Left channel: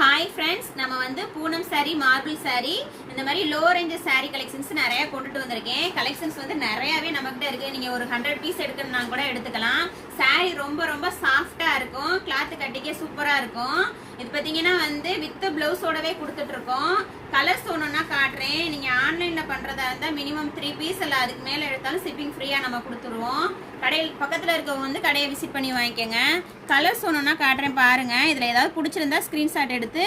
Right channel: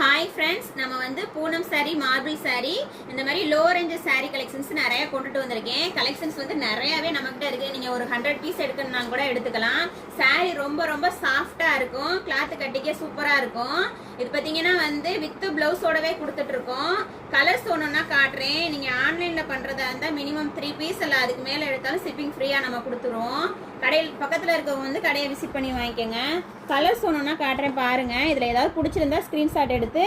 Hi friends, நம்ம வந்து Poonam sorry, marble sorry, இந்த மாதிரி லோ ரேஞ்ச் சாரி கலெக்ஷன்ஸ் நிறைய கொண்டுட்டு வந்திருக்கேன். கலெக்ஷன்ஸ் வந்து நிறையவே நம்மகிட்ட இருக்கு. நீங்க ஒரு 100 பீஸ் எடுக்கணும்னா கூட எடுத்துக்கலாம். சாரி ரொம்ப ரொம்ப சாஃப்டா இருக்கும், கிளாத் கட்டிக்கே சூப்பரா இருக்கும். இது பாத்தீங்கன்னா வந்து வித் பிளவுஸோடவே கொடுத்துட்டு இருக்கோம். கலர்ஸ் ஒண்ணுன்னா காட்டுறேன். நீங்க ஆன்லைன்ல பண்றதா இருந்தா மினிமம் 3 பீஸ் இல்ல அதுக்கு மேல எடுத்தாலும் ஷிப்பிங் ஃப்ரீயா நம்ம கொடுத்துருவோம். கடையில் பக்கத்துல இருக்கவங்க வந்து கடையை விசிட் பண்ணி வாங்கிக்கோங்க. கலர்ஸ் ஒண்ணுன்னா காட்டுறேன் பாருங்க. இதுல ஏதாவது பிடிச்சிருந்தா ஸ்கிரீன்ஷாட் எடுத்து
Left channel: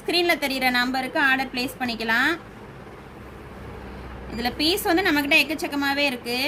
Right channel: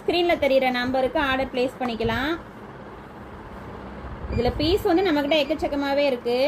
ஸ்கிரீன்ல தெரியுற நம்பருக்கு ஆர்டர் பிளேஸ் பண்ணிக்கலாம். இதுல பீஸ் வந்து நம்மகிட்ட எக்கச்சக்கமாவே இருக்கு.